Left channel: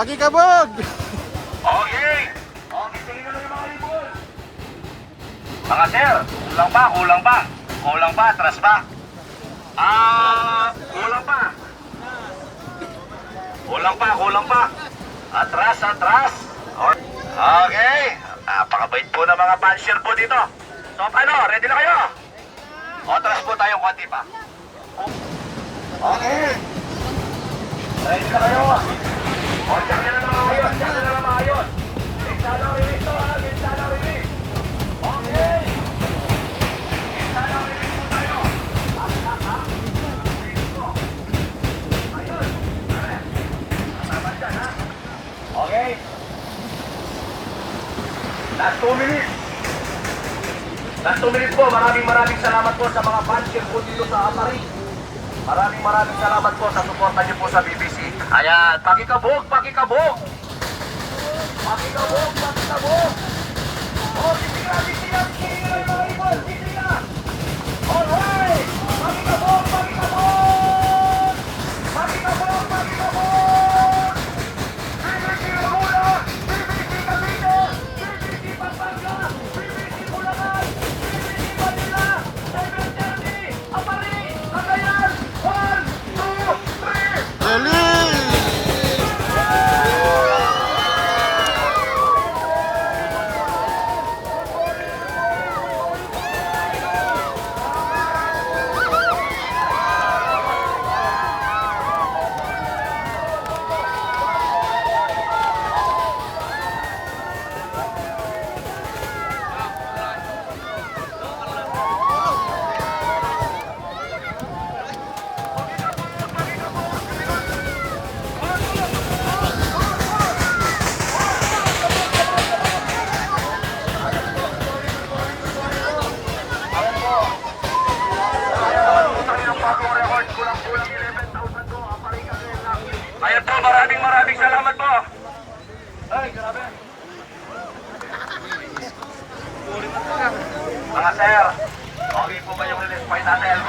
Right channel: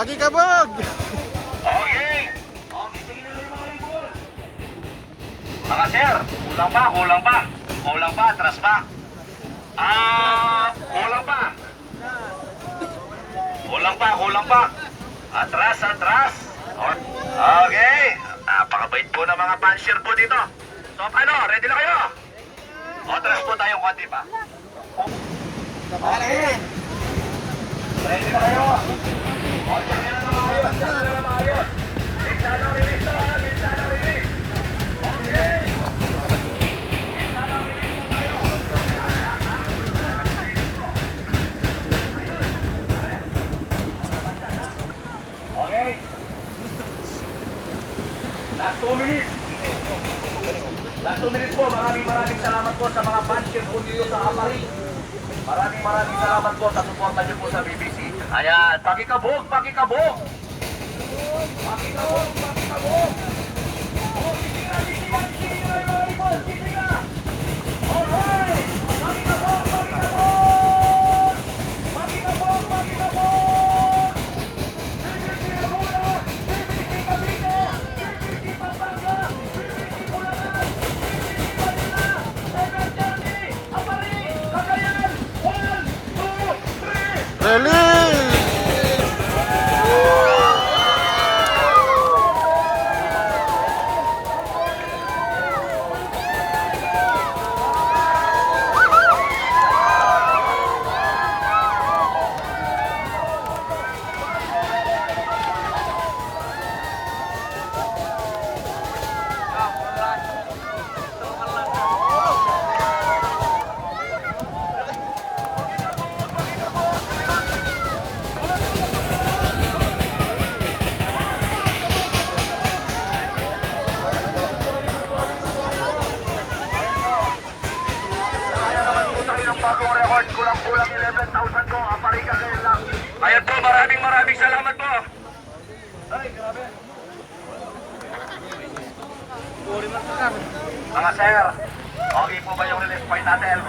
Pakikabog! Okay. Okay, sige na lang yung mga libon. Mga sir, kulang pa, kulang pa. Kulang pa, atras pa. Kulang pa. Kulang pa, kulang pa. Atras, atras. Okay. Napakabait po ng mga puncher po dito. So, ano, ready na kayo? O, atras po tayo konti pa. Okay. Ready na kayo? O, check na lang maayos, check na lang maayos. Minsan lang release to, ha? Minsan lang release. Okay. Minsan lang release po tayo. Okay. Last 2 minutes. Last 2 minutes po. Maraming salamat po sa mga puncher po dito sa Amari. Maraming salamat po sa suporta niyo po sa BBC. Ayan, pakikabog, pakikabog. Pakikabog, pakikabog. Oh, titinga, titinga, titinga, mga ibon, titinga. Alright, pakikabog, pakikabog. Pakikabog, pakikabog. BBC Laguna, BBC Cavite, BBC Pampanga, BBC Bulacan, BBC Manila, 7:30, Amari, Cagayan, 1, 2, 3. Release! Bagong record, kulang-kulang 11,000 ko, Aparika kayo lang. Ayan po, maraming salamat po. Ay, grabe. Mga sir, okay po ba yung release point natin?